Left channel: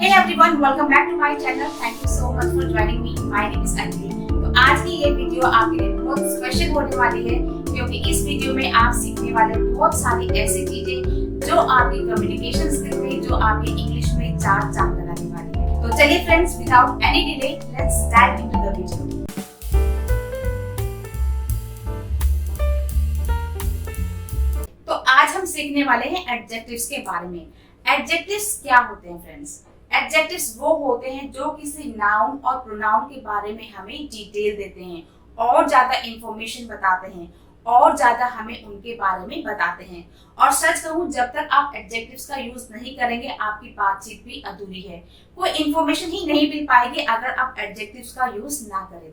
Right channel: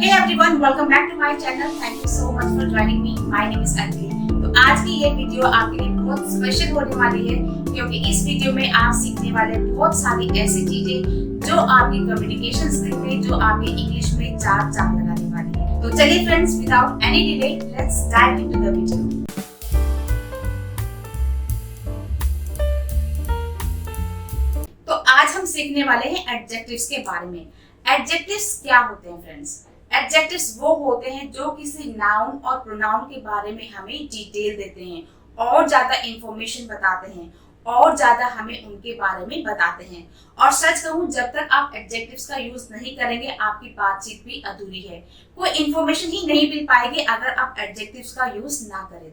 Hey everyone, welcome back to my channel. Thank you so much for joining me. My name is Anjali. तो आज की ये video आपके लिए बहुत स्पेशल होने वाली है क्योंकि इस वीडियो में आप सीखने वाले बहुत सारी ऐसी चीजें जो आपकी कम्युनिकेशन स्किल में, जो आपके इंग्लिश में चार चांद लगाने वाली है। तो चलिए friends, without any delay let's dive into the video. तो आज हम सीखने वाले हैं एडजेक्टिव्स के बारे में। एडजेक्टिव्स क्या होते हैं फ्रेंड्स? एडजेक्टिव्स वो होते हैं जो किसी नाउन और प्रोनाउन के बारे में हमें डिटेल देते हैं और ज्यादा इंफॉर्मेशन बताते हैं और ज्यादा हमें उनके बारे में बताते हैं। और सच कहूं, जब तक आप एडजेक्टिव्स का यूज नहीं करेंगे आपकी बातचीत भी अधूरी है। कोई इंफॉर्मेशन ही नहीं मिल पाएगी अगर आप एडजेक्टिव्स का यूज ना करें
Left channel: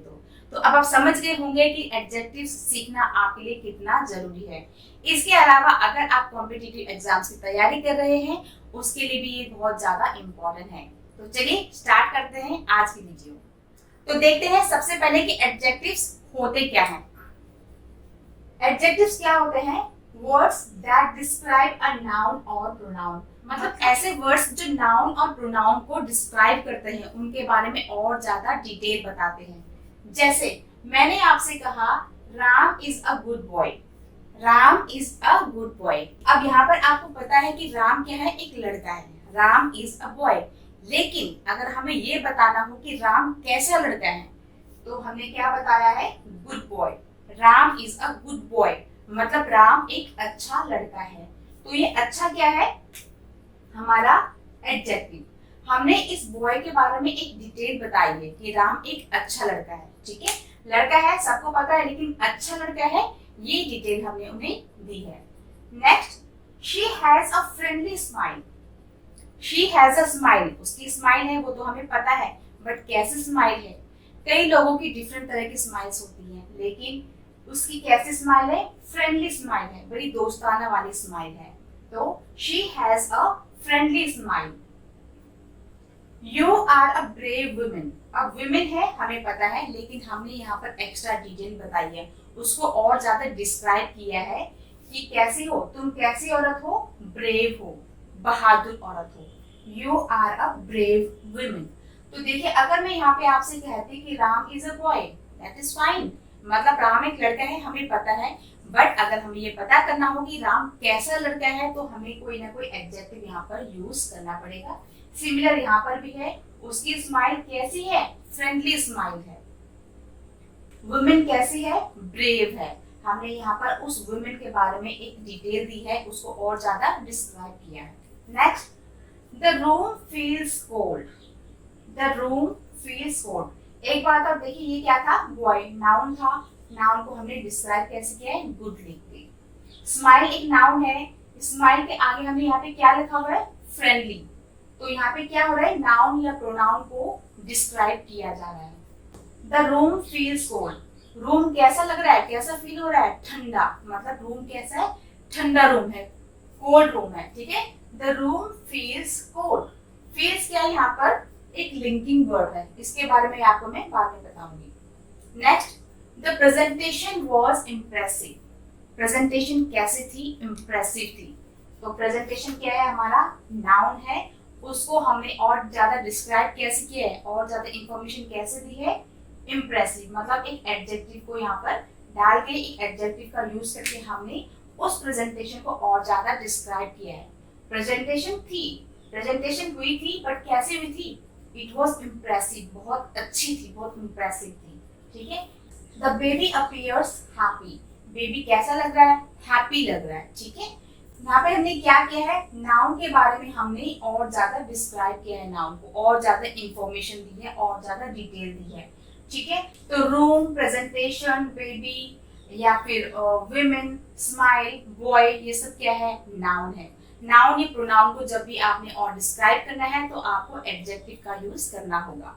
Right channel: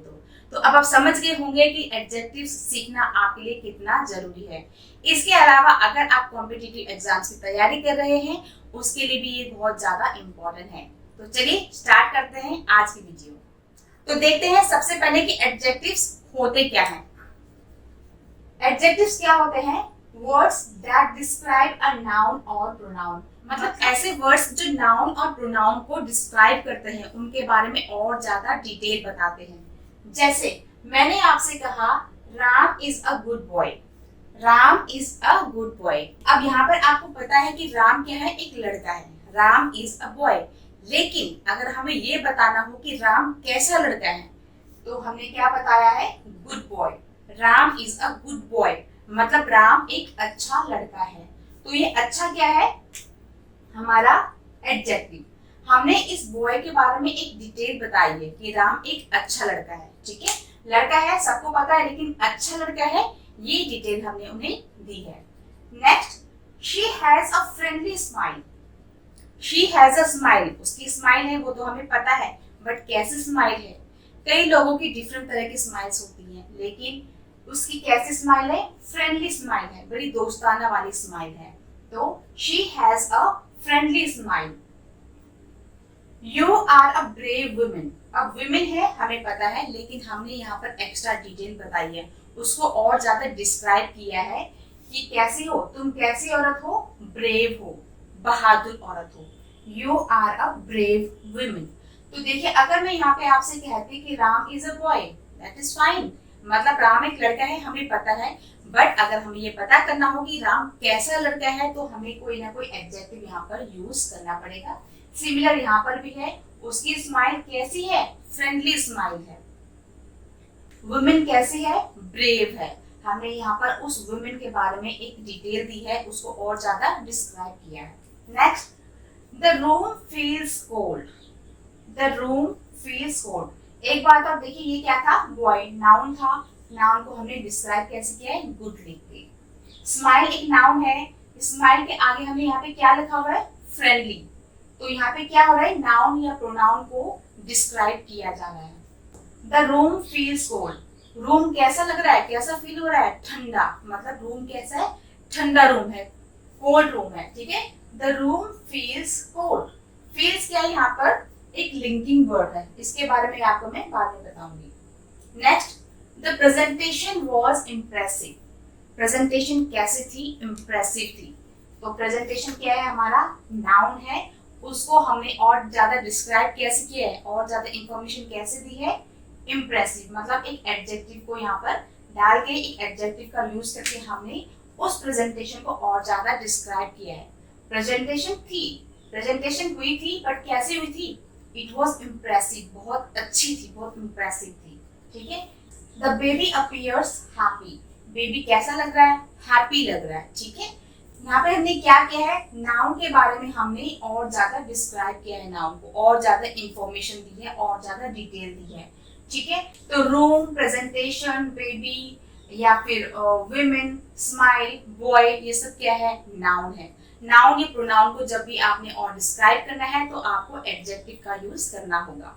तो अब आप समझ गए होंगे कि एडजेक्टिव्स सीखना आपके लिए कितना जरूरी है। इसके अलावा अगर आप कॉम्पिटिटिव एग्जाम्स की तैयारी कर रहे हैं उसके लिए भी ये बहुत ज्यादा इम्पोर्टेंट है। तो चलिए स्टार्ट करते हैं आज की वीडियो। तो देखते हैं सबसे पहले कि एडजेक्टिव्स होते क्या हैं। एडजेक्टिव्स क्या होते हैं? Words that describe a noun और प्रोनाउन। मतलब ऐसे वर्ड्स जो नाउन और प्रोनाउन को डिस्क्राइब करते हैं, उनके बारे में और ज्यादा डिटेल बताते हैं। जैसे मैंने आपसे कहा Ram is a good boy. Ram is a good boy. अब यहाँ पर आपको पता है कि राम क्या है? एक लड़का है। Ram is a boy. लेकिन अगर हमें ये बताना हो कि राम कैसा लड़का है तो हमने क्या बताया है? Good boy. Ram is a good boy मतलब राम एक अच्छा लड़का है। तो ये अच्छा क्या है? हमारा एडजेक्टिव। हमने इस बॉय के बारे में एक डिटेल बताई है कि राम एक अच्छा लड़का है। ठीक है, लड़का है सबको पता है, लेकिन अच्छा लड़का है ये डिटेल हमने उन्हें दी है। Next, she has a friendly smile. She has a smile, उसकी स्माइल है वो तो हमें पता है, बट कैसी स्माइल है? कई लोगों की डिफरेंट तरह की स्माइल्स होती हैं, लेकिन उसकी कैसी स्माइल है? फ्रेंडली स्माइल है, बड़ी दोस्ताना वाली स्माइल है। तो she has a friendly smile. You are a brave women. अब वुमेन है हमें पता है, लेकिन हमने यहाँ पर एक्स्ट्रा डिटेल बताई है, उसको और ज्यादा डिस्क्राइब किया है कि कैसी हो तुम, कैसी औरत हो? ब्रेव हो, बहादुर औरत हो। You are a brave women. तो देखिए, अगर मैं यहाँ पे आपसे कहती कि Ram is a boy, that is fine, मतलब राम एक लड़का है हमें पता है, बट अगर हमें ये पता करना हो कि राम कैसा लड़का है तो हमें कोई ना कोई एडजेक्टिव यहाँ पर यूज करना पड़ेगा। सिमिलर यहाँ पर भी है, उसकी स्माइल कैसी है? फ्रेंडली स्माइल है। वुमेन कैसी है? ब्रेव है। हमने यहाँ पर उस वुमेन के बारे में एक डिटेल दी है, उसको और ज्यादा डिस्क्राइब किया है। Next, the room feels cold. The room feels cold. एक बात और देखिए, ये क्या था? बॉय नाउन था। नाउन को हमने डिस्क्राइब कैसे किया है? गुड लिख के। स्माइल एक नाउन है, स्माइल के आगे हमने यहाँ पे क्या लिखा हुआ है? फ्रेंडली। तो यहाँ पे क्या हो रहा है? नाउन या प्रोनाउन को डिस्क्राइब किया जा रहा है। The room feels cold. Room कैसा लग रहा है? कैसा फील हो रहा है? ठंडा। मतलब रूम कैसा है? ठंडा रूम है, कोल्ड रूम है। ठीक है, the room feels cold. Feels क्या है? यहाँ पर एक लिंकिंग वर्ड है, इसके बारे में आपको मैं बाद में बताऊंगी। Next, the presentation was impressive. Presentation कैसी थी? इम्प्रेसिव थी। तो प्रेजेंटेशन क्या है? हमारा नाउन है, उसको हमने और ज्यादा डिस्क्राइब कैसे किया है, और ज्यादा इंफॉर्मेशन कैसे दी है? इम्प्रेसिव। मतलब एक एडजेक्टिव को यहाँ पर डाल के, एक एडजेक्टिव का यूज करके हमने उस प्रेजेंटेशन को और ज्यादा डिस्क्राइब किया है। प्रेजेंटेशन थी, प्रेजेंटेशन हुई थी, बट कैसी हुई थी? इट वॉज इम्प्रेसिव, बहुत अच्छी थी, बहुत इम्प्रेसिव थी। ठीक है, the baby appears happy. Baby कैसा लग रहा है? हैप्पी लग रहा है। ठीक है, यहाँ पे हमने क्या किया है? नाउन के बारे में हमने और ज्यादा डिस्क्राइब किया है, नाउन को और ज्यादा इंफॉर्मेशन दी है, और ज्यादा डिटेल दी है। ठीक है, तो रूम, प्रेजेंटेशन, बेबी या फिर वुमेन, स्माइल, बॉय, ये सब क्या है? नाउन है। नाउन या प्रोनाउन को जब भी आपने और डिस्क्राइब करना है तो आपको एडजेक्टिव का यूज करना होगा।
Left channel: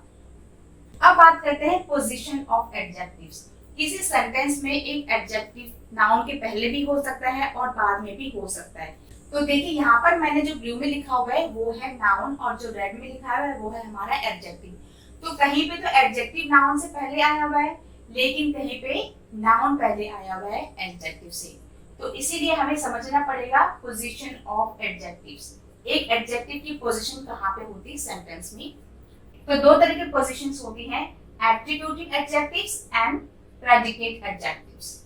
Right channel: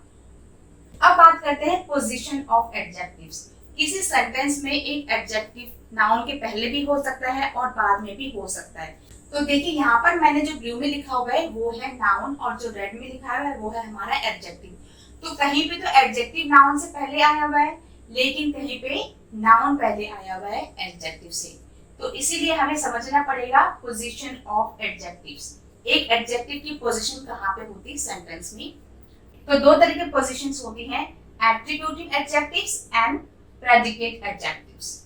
अब बात करते हैं पोजीशन ऑफ एडजेक्टिव्स। किसी सेंटेंस में एक एडजेक्टिव नाउन के पहले भी हो सकता है और बाद में भी हो सकता है। तो देखिए, यहाँ पर मैंने जो ब्लू में लिखा हुआ है वो है नाउन, और जो रेड में लिखा हुआ है वो है हमारा एडजेक्टिव। तो कहीं पे तो एडजेक्टिव नाउन से पहले आया हुआ है, लेकिन कहीं पे नाउन पहले आया हुआ है एडजेक्टिव से। तो इसीलिए हमें समझना पड़ेगा पोजीशन ऑफ एडजेक्टिव्स। एक एडजेक्टिव की पोजीशन कहाँ पे होती है सेंटेंस में। तो दो तरह की पोजीशंस होती हैं, attributive adjectives and predicate adjectives.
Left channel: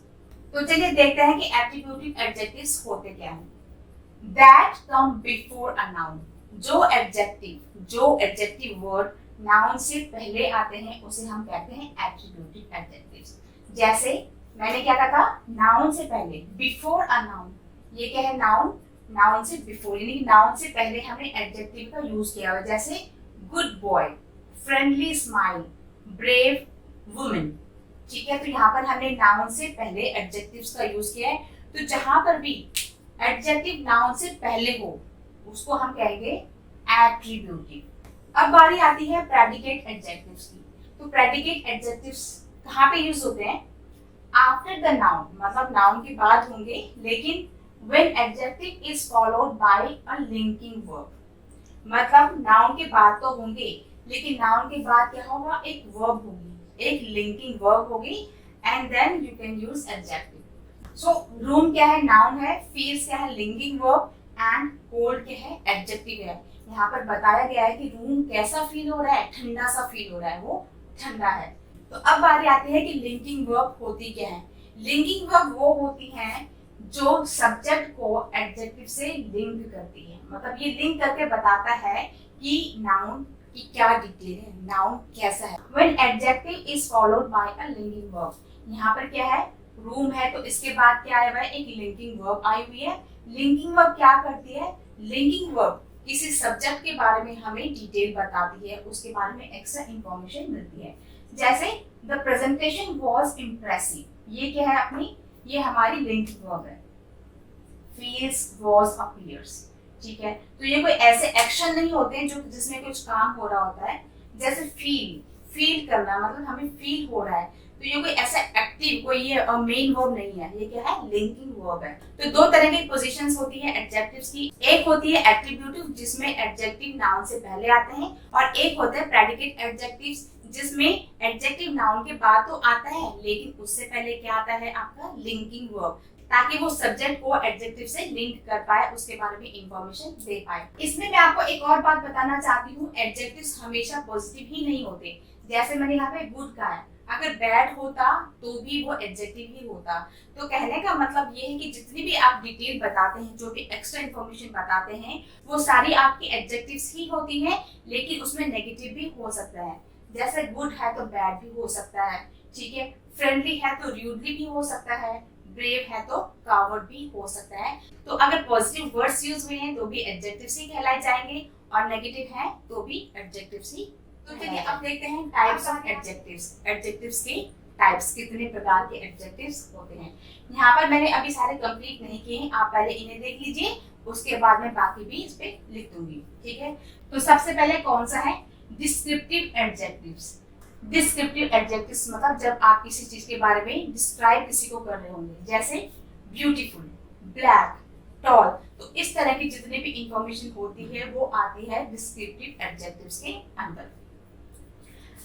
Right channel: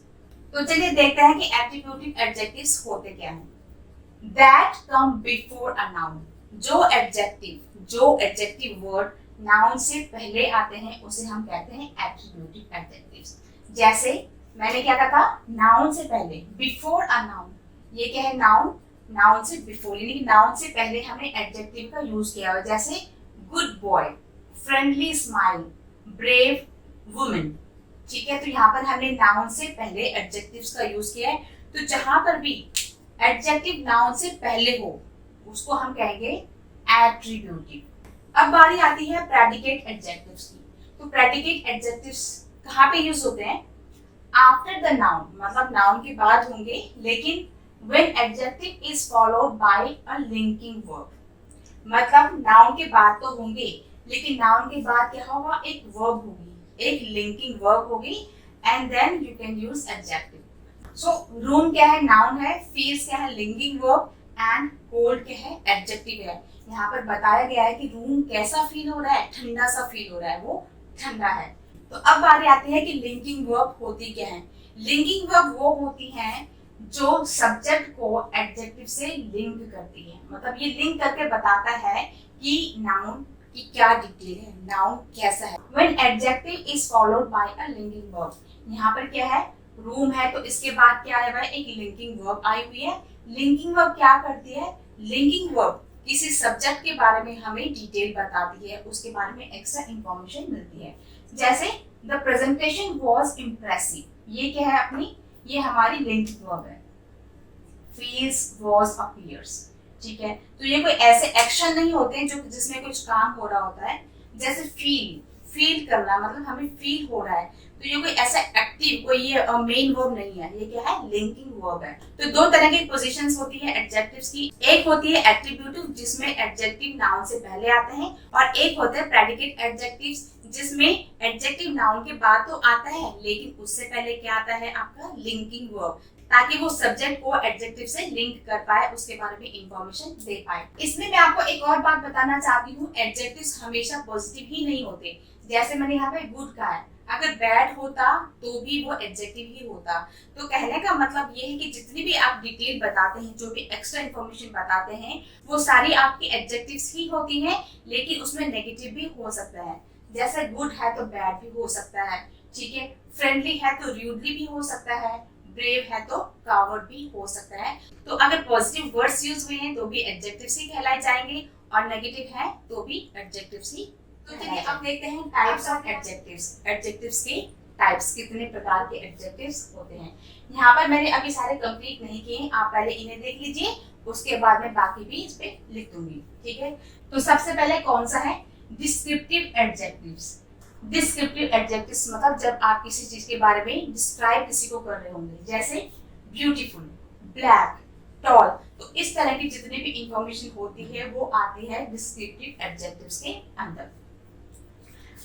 तो चलिए देखते हैं कि एट्रीब्यूटिव एडजेक्टिव्स होते क्या हैं। That come before a noun, जो एडजेक्टिव वर्ड नाउन से पहले आते हैं उसे हम कहते हैं एट्रीब्यूटिव एडजेक्टिव्स। जैसे मैंने क्या कहा था, नाउन से पहले, बिफोर अ नाउन, ये क्या है, नाउन से बिफोर, यानी कि नाउन से पहले हमने एडजेक्टिव का यूज किया हुआ। जैसे good boy, friendly smile, brave women. ठीक है, तो यहाँ पर हमने नाउन से पहले एडजेक्टिव्स का यूज किया है। तो जहां पर भी एडजेक्टिव नाउन से पहले हो उसको हम कहेंगे एट्रीब्यूटिव। अब बारी आती है प्रेडिकेट एडजेक्टिव्स की। तो प्रेडिकेट एडजेक्टिव्स कहाँ पे यूज होते हैं, आफ्टर द नाउन, मतलब नाउन के बाद होंगे, लेकिन when adjective is followed by a linking verb, मतलब नाउन के बाद तो होंगे लेकिन नाउन के बाद क्या होगा, एक वर्ब होगी, एक लिंकिंग वर्ब होगी, and then you can use adjective. So room क्या है, नाउन है, फील्स क्या है, लिंकिंग वर्ब, एंड कोल्ड क्या है, एडजेक्टिव है। यहाँ पर बताया गया है कि रूम कैसा फील हो रहा है, ठंडा सा फील हो रहा है, वो ठंडा है। तो अब बारी आती है कि लिंकिंग वर्ब होती क्या है। लिंकिंग वर्ब वो होती हैं जो सब्जेक्ट को एडजेक्टिव से लिंक करती है, मतलब ये लिंक करके बताता है कि नाउन की क्या डिटेल है, नाउन कैसा है। When adjective is followed by a linking verb, यहाँ पर क्या है, रूम है तो इसके बाद क्या आया हुआ है, एक लिंकिंग वर्ब आई हुई है। लिंकिंग वर्ब क्या करती है, लिंकिंग वर्ब किसी सब्जेक्ट के बारे में हमें डिटेल बताती है, उसके बारे में एक्स्ट्रा इंफॉर्मेशन मिलती है। जैसे द प्रेजेंटेशन वॉज इम्प्रेसिव, ये क्या है अपनी, ये हमारी लिंकिंग वर्ब है। feels was appears, ठीक है, तो ये कोई ऐसे एक्शन नहीं होते हैं जो जिसमें कुछ काम हो रहा होता है। जैसे फील करना, मतलब हमें फील हो रहा है, तो ये कोई ऐसा एक्टिव, कोई ये मेन वर्ब नहीं है, ये क्या है, लिंकिंग वर्ब है। तो दो तरह की पोजीशंस होती है एडजेक्टिव्स की, एक होती है एट्रीब्यूटिव जिसमें एडजेक्टिव नाउन से पहले आते हैं, और एक होता है प्रेडिकेट एडजेक्टिव्स जिसमें एडजेक्टिव नाउन के बाद तो आता है लेकिन उससे पहले क्या आता है, आपका लिंकिंग वर्ब, ताकि वो सब्जेक्ट को एडजेक्टिव से लिंक कर पाए, उसके बारे में इंफॉर्मेशन दे पाए। इसमें मैं आपको एक और बात बताना चाहती हूँ, एडजेक्टिव्स हमेशा पॉजिटिव ही नहीं होते। जैसे मैंने यहाँ पे गुड कहा है, अगर बैड होता तो भी वो एडजेक्टिव ही होता। तो कहने का मतलब ये है कि जितनी भी आप डिटेल बताते हैं, जो भी एक्स्ट्रा इंफॉर्मेशन बताते हैं, वो सारी आपकी एडजेक्टिव्स ही होती हैं, लेकिन उसमें नेगेटिव भी हो सकता है। जैसे गुड है तो बैड भी हो सकता है, ठीक है, फ्रेंडली है तो रूडली भी हो सकता है, ब्रेव है तो कावर्ड भी हो सकता है। तो अगर पॉजिटिव वर्ड्स यूज हुए हैं तो भी एडजेक्टिव्स ही कहलाए जाएंगे, और नेगेटिव है तो भी एडजेक्टिव्स ही। तो चलिए अब देखते हैं टाइप्स ऑफ एडजेक्टिव्स। एडजेक्टिव्स के टाइप्स, कितने प्रकार के एडजेक्टिव्स होते हैं। यहाँ पर मैंने अभी सारे कंप्लीट नहीं किए हैं, आप पहले इन्हें देख लीजिए, उसके बाद मैं बाकी भी इस पे लिख दूंगी, ठीक है। तो सबसे पहले कौन सा है, डिस्क्रिप्टिव एडजेक्टिव्स। डिस्क्रिप्टिव एडजेक्टिव्स मतलब जब आप किसी चीज के बारे में डिस्क्राइब किसी को कर रहे होंगे, जैसे ब्यूटीफुल, ब्लैक, टॉल, तो इस तरह की जितनी भी इंफॉर्मेशन होती है वो आती है डिस्क्रिप्टिव एडजेक्टिव्स के अंदर।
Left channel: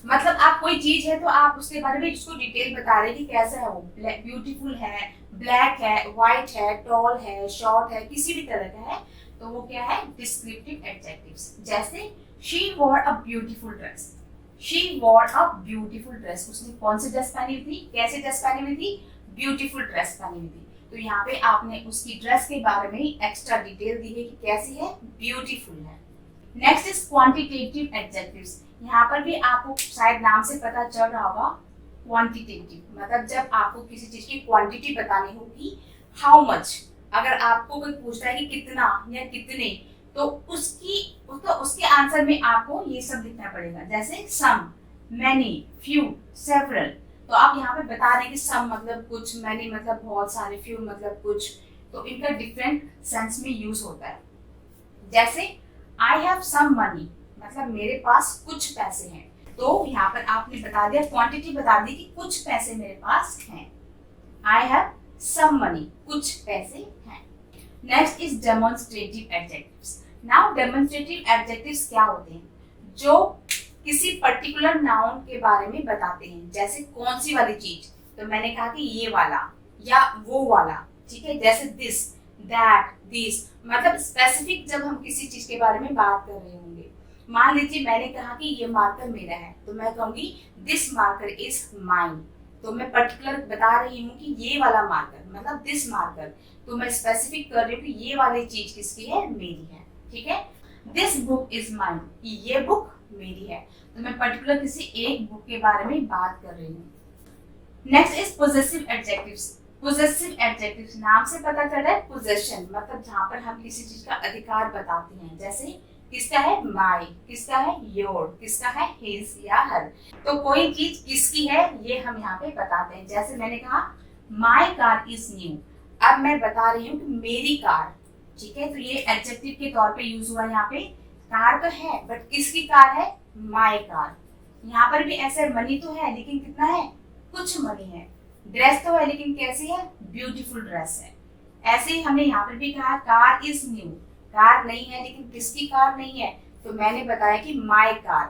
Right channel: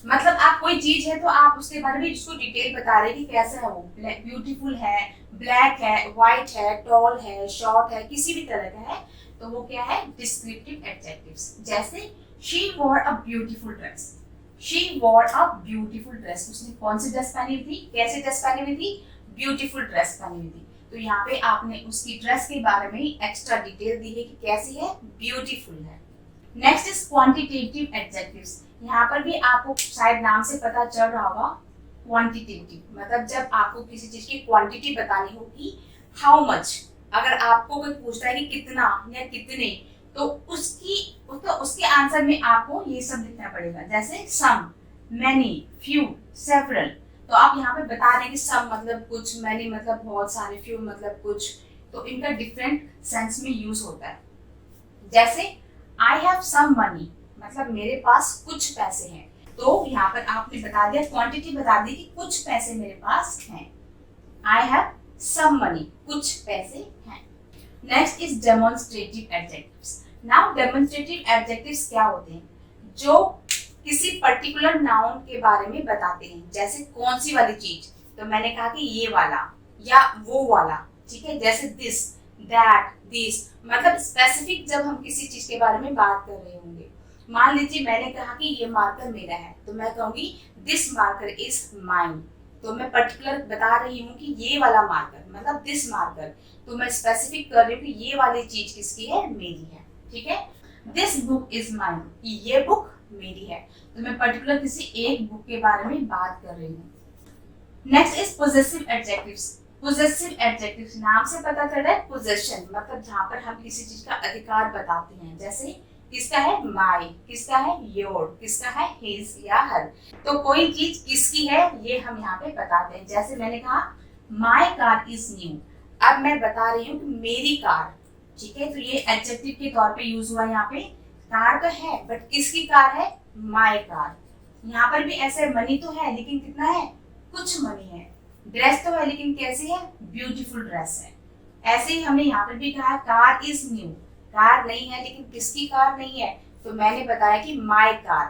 मतलब आप कोई चीज है तो आप उसके बारे में उसको डिटेल बता रहे कि कैसा है वो, ब्यूटीफुल है, ब्लैक है, व्हाइट है, टॉल है, शॉर्ट है, किसी भी तरह का है, तो वो क्या है, डिस्क्रिप्टिव एडजेक्टिव्स। जैसे she war a beautiful dress, she war a beautiful dress, उसने कौन सी ड्रेस पहनी हुई थी, कैसी ड्रेस पहनी हुई थी, ब्यूटीफुल ड्रेस पहनी हुई थी। तो यहाँ पे आपने उसकी ड्रेस के बारे में एक्स्ट्रा डिटेल दी है कि कैसी है, ब्यूटीफुल है। Next is quantitative adjectives. यहाँ पर भी आपको शायद नाम से पता चल रहा होगा, क्वांटिटेटिव मतलब जब आपको किसी चीज की क्वांटिटी बतानी होगी, हाउ मच, अगर आपको कोई पूछता है कि कितना या कितने, तो उसके आंसर में आपको ये सब लिखना पड़ेगा। जैसे सम, मैनी, फ्यू, सेवरल, तो आप यहाँ पे बता रहे हैं कि सम मतलब कुछ, मैनी मतलब बहुत सारे, फ्यू मतलब कुछ, तो इनका डिफरेंट सेंस में यूज होता है। जैसे आई हैव सम मनी मतलब मेरे पास कुछ पैसे हैं, तो यहाँ पर आपने बता दिया, क्वांटिटी बता दी कि कुछ पैसे मेरे पास हैं। आई हैव सम मनी, कुछ पैसे हैं। Next is demonstrative adjectives. Now demonstrative adjectives क्या होते हैं, जो किसी पर्टिकुलर नाउन के बारे में बताते हैं। जैसे कौन सी वाली चीज, तो मैंने कहा कि ये वाला या वो वाला, ठीक है। जैसे दिस, दैट, दिस, मतलब स्पेसिफिक जब हम किसी चीज के बारे में बात कर रहे होंगे। मान लीजिए मैंने कहा कि ये मार्कर मेरा है, तो मैं कहूंगी दिस मार्कर इज माइन। तो मैं पर्टिकुलर बता रही हूँ कि ये वाला मार्कर मतलब दिस मार्कर, तो मैं स्पेसिफिक कर रही हूँ कि ये वाली चीज किसकी है, मेरी है। ठीक है, दिस बुक इज माइन, ये बुक मेरी है, तो मैं पर्टिकुलर किसी एक बुक के बारे में बात कर रही हूँ। Next is possessive adjectives. Possessive adjectives नाम से पता चल रहा है पोजेशन, मतलब जहां पर हम किसी चीज का अधिकार बताते हैं। जैसे किसका है, माई, किसका है, योर, किसका है, हिज या हर। तो कोई चीज किसकी है ये हम यहाँ पे बताते हैं। जैसे मैंने कहा माई कार इज न्यू, अब मैं बता रही हूँ कि मेरी कार। ठीक है, तो ये एडजेक्टिव के तौर पे यूज हुआ यहाँ पे। कार तो है बट किसकी कार है, माई कार। यहाँ पर भी ऐसे मनी तो है लेकिन कितना है, कुछ मनी है। ड्रेस तो है लेकिन कैसी है, ब्यूटीफुल ड्रेस है। ऐसे ही हमने यहाँ पर भी कहा कार इज न्यू, कार नहीं है लेकिन किसकी कार नहीं है, तो मैंने बताया कि माई कार।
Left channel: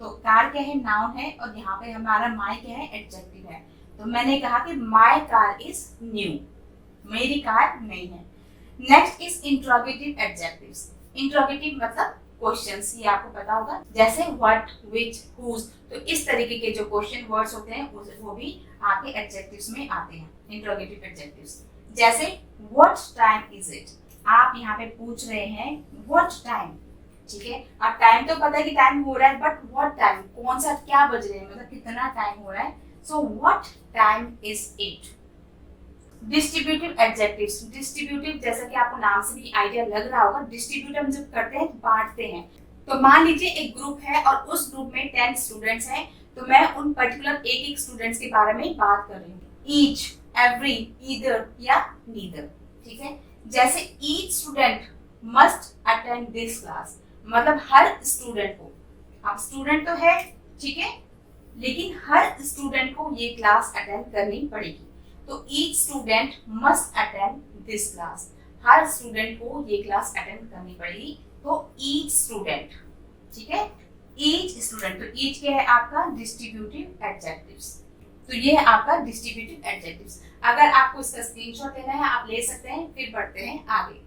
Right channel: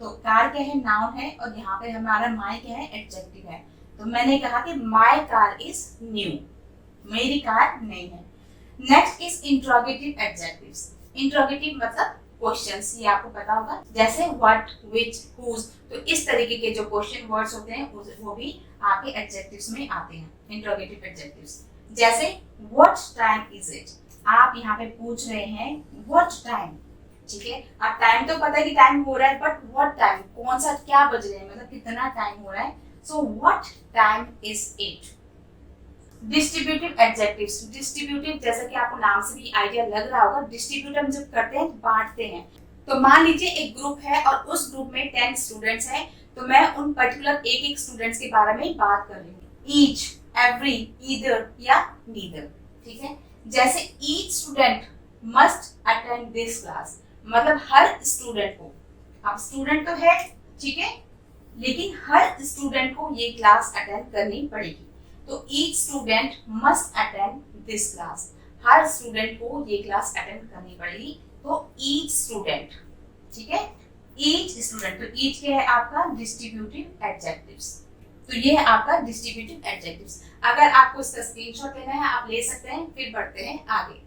तो कार क्या है, नाउन है, और यहाँ पे हमारा माई क्या है, एडजेक्टिव है। तो मैंने कहा कि माई कार इज न्यू, मेरी कार नहीं है। Next is interrogative adjectives. Interrogative मतलब क्वेश्चंस, ये आपको पता होगा, जैसे व्हाट, व्हिच, हुज। तो इस तरीके के जो क्वेश्चन वर्ड्स होते हैं वो भी आपके एडजेक्टिव्स में आते हैं, इंट्रोगेटिव एडजेक्टिव्स। जैसे व्हाट टाइम इज इट, आप यहाँ पे पूछ रहे हैं व्हाट टाइम। ठीक है, अब टाइम तो पता है कि टाइम हो रहा है, बट व्हाट टाइम, कौन सा, क्या बज रहे हैं, मतलब कितना टाइम हो रहा है। So what time is it. Distributive adjectives. Distributive जैसा कि आपको नाम से भी आइडिया लग रहा होगा, डिस्ट्रीब्यूट हम जब करते हैं बांटते हैं। तो मान लीजिए एक ग्रुप है और उस ग्रुप में 10 स्टूडेंट्स हैं, तो मैं उन पर्टिकुलर एक एक स्टूडेंट्स के बारे में बात कर रही हूँ। ईच, एवरी, ईदर या नीदर। ठीक है, जैसे each student must attend this class, मतलब हर स्टूडेंट को, अब स्टूडेंट तो है ठीक है, लेकिन हर स्टूडेंट को ये क्लास अटेंड करनी पड़ेगी। तो each student must attend this class, her student को ये क्लास अटेंड करनी पड़ेगी। तो ईच स्टूडेंट, ठीक है, ईच स्टूडेंट। तो ईच क्या है आपका डिस्ट्रीब्यूटिव एडजेक्टिव्स। तो ये है आपका डिस्ट्रीब्यूटिव एडजेक्टिव्स। अगर आपको इसका स्क्रीनशॉट लेना है आप ले सकते हैं। फिर बढ़ते हैं आगे।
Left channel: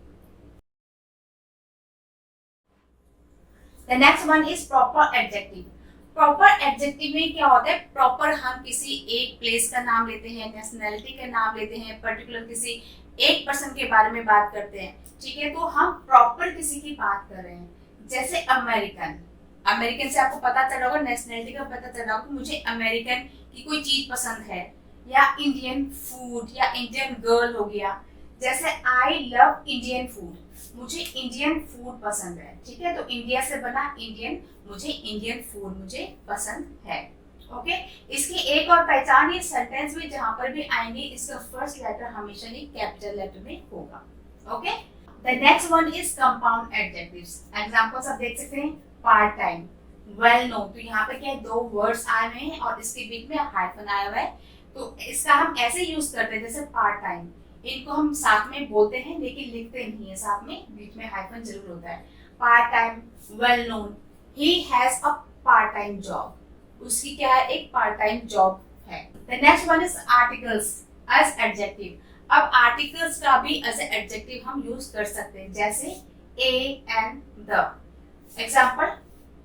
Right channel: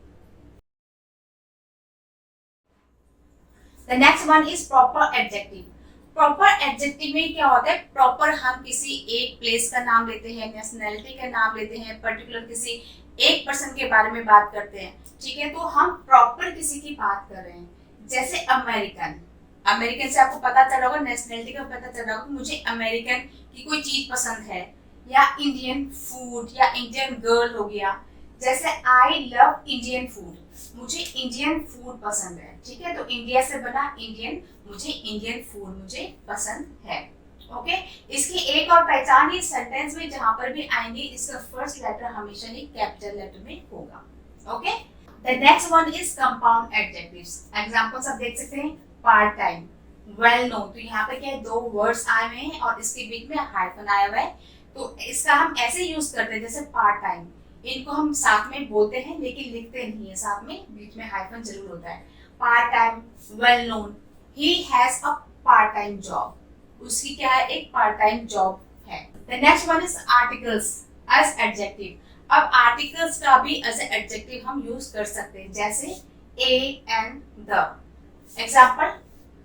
The next one is proper adjective. Proper adjective में क्या होता है, प्रॉपर हम किसी एक प्लेस का नाम लेते हैं, नेशनैलिटी का नाम लेते हैं, पर्टिकुलर किसी एक पर्सन के बारे में बात करते हैं। ठीक है, तो हम प्रॉपर किसी की बात कर रहे हैं। जैसे अमेरिकन, अमेरिकन से आपको पता चला होगा, नेशनैलिटी का पता चला होगा, मुझे अमेरिकन की कोई चीज पसंद है, या इंडियन फूड या इंडियन गर्ल हो गया। जैसे आई लव इंडियन फूड, मुझे इंडियन फूड पसंद है। ठीक है, तो इंडिया से बना इंडियन, मुझे इंडियन फूड मुझे पसंद है। ओके, इसकी एक और पहचान है सेंटेंस में जहां पर भी आएंगे इसका फर्स्ट लेटर हमेशा ही कैपिटल लेटर में होगा। Okay, the next one is compound adjectives. Examples आप देख सकते हैं, पार्ट टाइम, वेल नोन। तो यहाँ पे क्या है, दो वर्ड्स आए हुए हैं और इसके बीच में हाइफन आया हुआ है। तो इसका हम ऐसे यूज करते हैं जैसे पार्ट टाइम, इनको हम साथ में बोलते हैं लेकिन लिखते नहीं है, साथ में बीच में हाइफन जरूर होता है। Part time, well known, he has a part time job, उसकी क्या है, एक पार्ट टाइम जॉब है। The next one is articles as adjective. अब आर्टिकल्स का भी एज एडजेक्टिव हम यूज कर सकते हैं, जैसे A and the. Example,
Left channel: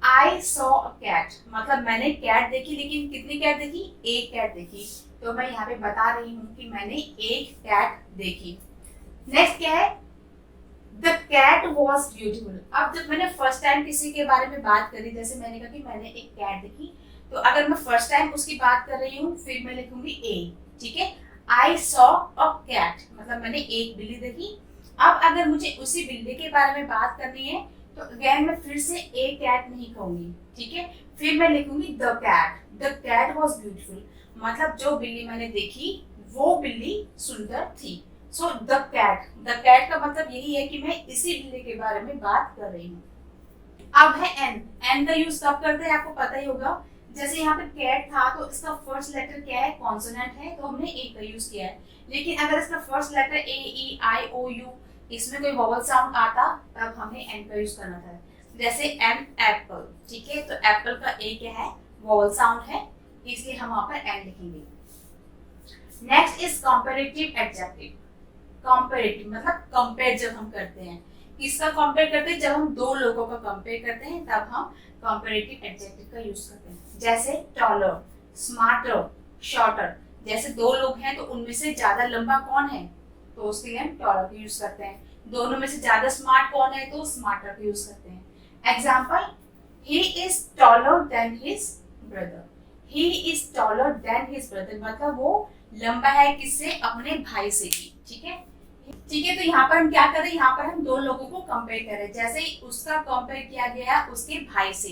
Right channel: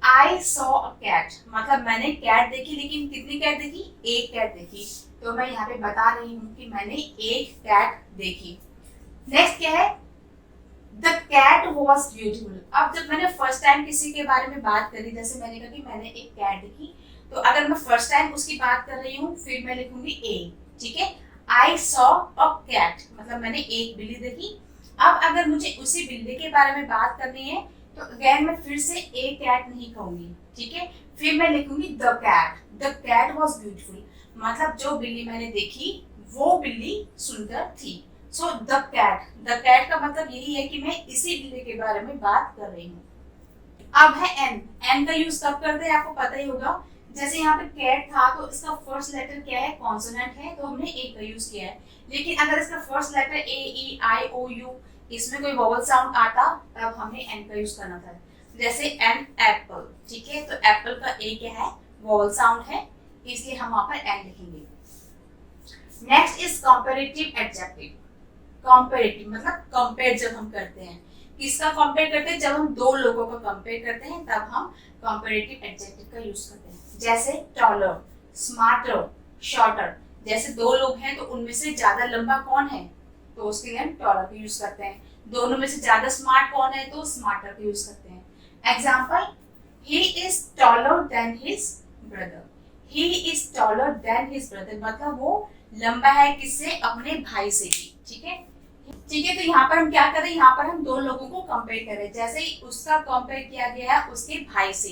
I saw a cat, मतलब मैंने कैट देखी, लेकिन कितनी कैट देखी, एक कैट देखी। तो मैं यहाँ पे बता रही हूँ कि मैंने एक कैट देखी। नेक्स्ट क्या है, द कैट वॉज ब्यूटीफुल। अब जब मैंने फर्स्ट टाइम किसी के बारे में बात करी, जैसे मैंने कहा कि मैंने एक कैट देखी, तो अगर मैं फर्स्ट टाइम उसकी बात कर रही हूँ फिर मैं लिखूंगी ए। ठीक है, आई सॉ अ कैट, मतलब मैंने एक बिल्ली देखी। अब अगर मुझे उसी बिल्ली के बारे में बात करनी है तो अगेन मैं फिर से ए कैट नहीं कहूंगी। ठीक है, फिर मैं लिखूंगी the cat. The cat was beautiful, मतलब जो बिल्ली मैंने देखी वो बिल्ली सुंदर थी। सो द कैट का मतलब यही है कि मैं इसी बिल्ली के बारे में बात कर रही हूँ। अब है एन। एन का यूज कब करते हैं आपको पता ही होगा। जैसे यहाँ पे कैट था तो इसका फर्स्ट लेटर क्या है, कॉन्सोनेंट है, तो हमने ए का यूज किया है। लेकिन अगर इसका first letter A, E, I, O, U, इसमें कोई वोवल साउंड आता तब हमने एन का यूज करना था। जैसे एन एप्पल, ठीक है, तो एप्पल का ए क्या है, वोवल साउंड है, इसलिए हम वहां पर एन लिखेंगे। Next is comparative adjective. Comparative मतलब कंपेयर जब हम करते हैं, किसका कंपेयर करते हैं, जब हम दो लोगों का कंपेयर करते हैं तब हम कंपैरेटिव एडजेक्टिव का यूज करते हैं। जैसे टॉलर, स्मार्टर, शॉर्टर, जैसे दो लोग हैं तो उनमें से ज्यादा लंबा कौन है, तो उसके लिए हम टॉलर का यूज करते हैं। दोनों में से ज्यादा स्मार्ट कौन है, तो स्मार्टर का यूज करते हैं। Example, he is taller than his brother. He is taller than his brother मतलब वो लंबा है किससे, अपने भाई से भी। ठीक है, ठीक है। तो यहाँ पर हम क्या कर रहे हैं, यहाँ पर हम दो लोगों को कंपेयर कर रहे हैं। जैसे ही उसका कंपेयर किया गया है उसके भाई से,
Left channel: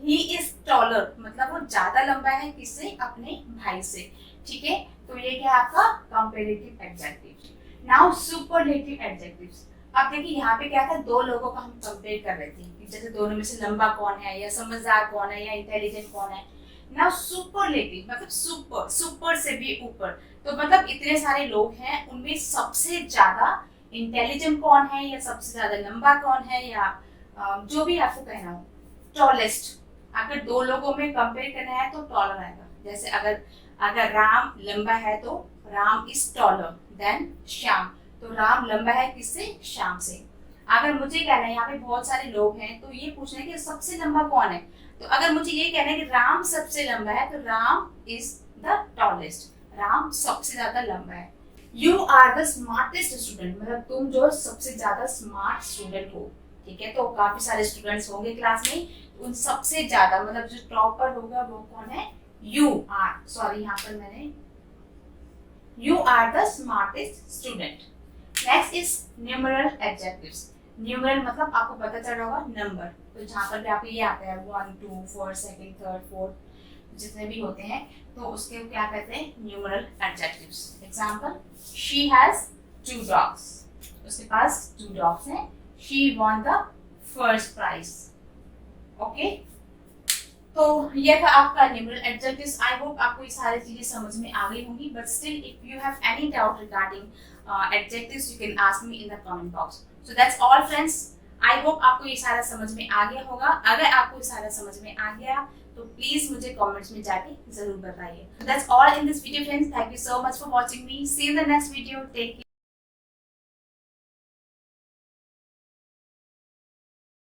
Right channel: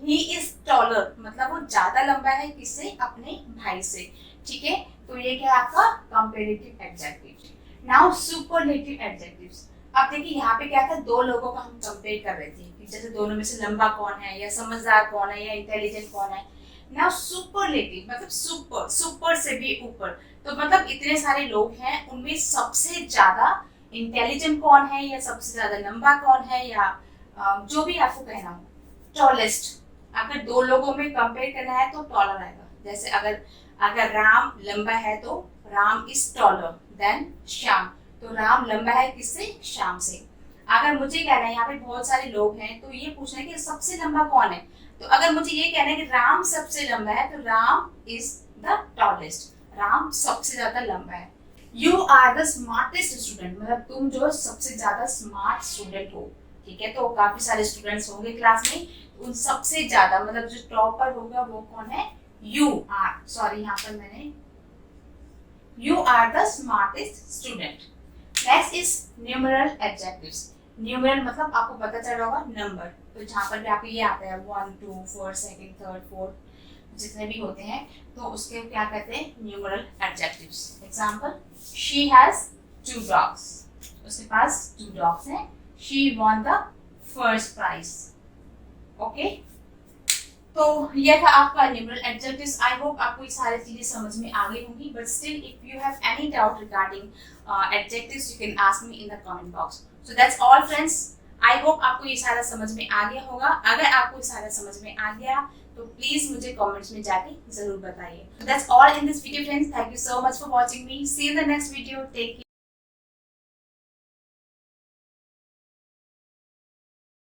ही इज टॉलर मतलब वो ज्यादा लंबा है किससे, अपने भाई से। ठीक है, तो ये क्या है आपका comparative adjective. Now superlative adjectives. अब देखिए यहाँ पे क्या था, दो लोगों का हम कंपेयर कर रहे थे, जैसे दोनों में से लंबा कौन है, या समझदार कौन है, या इंटेलिजेंट कौन है। नाउ सुपरलेटिव मतलब सुपर, सुपर से भी ऊपर, तो मतलब इतने सारे लोग हैं उनमें सबसे ज्यादा इंटेलिजेंट कौन है, या सबसे ज्यादा लंबा कौन है, या जो भी आपको कहना हो। टॉलेस्ट, अगर दो लोगों में कंपेयर करना है तो टॉलर आएगा। जैसे अगर राम लंबा है तो Ram is taller than Shyam, तो राम लंबा है किससे, श्याम से। अगर मुझे कहना है यहाँ पे बहुत सारे लोग हैं तो ये पूछना है कि सबसे लंबा कौन है, तो अगर मुझे ये कहना है कि राम सबसे लंबा है तो Ram is the tallest, Ram सबसे ज्यादा लंबा है। You are the smartest student मतलब तुम जो सबसे ज्यादा स्मार्ट स्टूडेंट हो। ठीक है, तो काफी सारे स्टूडेंट्स होंगे क्लास में, उन सबसे ज्यादा मतलब जो टॉपर होगा वो कौन है, यू आर, सॉरी यहाँ पर मैंने, you are the smartest student. Next is numeral adjectives. Numeral मतलब आपको पता चल रहा होगा नंबर, तो जहाँ पर भी आपको ये आता है 1 2 4 सेकंड थर्ड फोर्थ जितने भी होते हैं तो उसके क्या कहते हैं, numeral adjectives. Example, she has 2 dogs, उसके पास 2 डॉग्स हैं। She won the first prize. Okay, तो ये था आपका न्यूमेरल एडजेक्टिव्स। आई होप आपको ये सारी चीजें समझ में आ गई होंगी, but still if you have any doubt regarding adjectives you can ask me in the comment box. So that's all friends, I hope आपको ये सारा समझ में आ गया होगा। अगर आपको ये सारा समझ में आ गया तो प्लीज मुझे कमेंट्स में जाके जरूर बताइए। That's all in this video friends, thank you so much for watching me, see you in the next video, take care.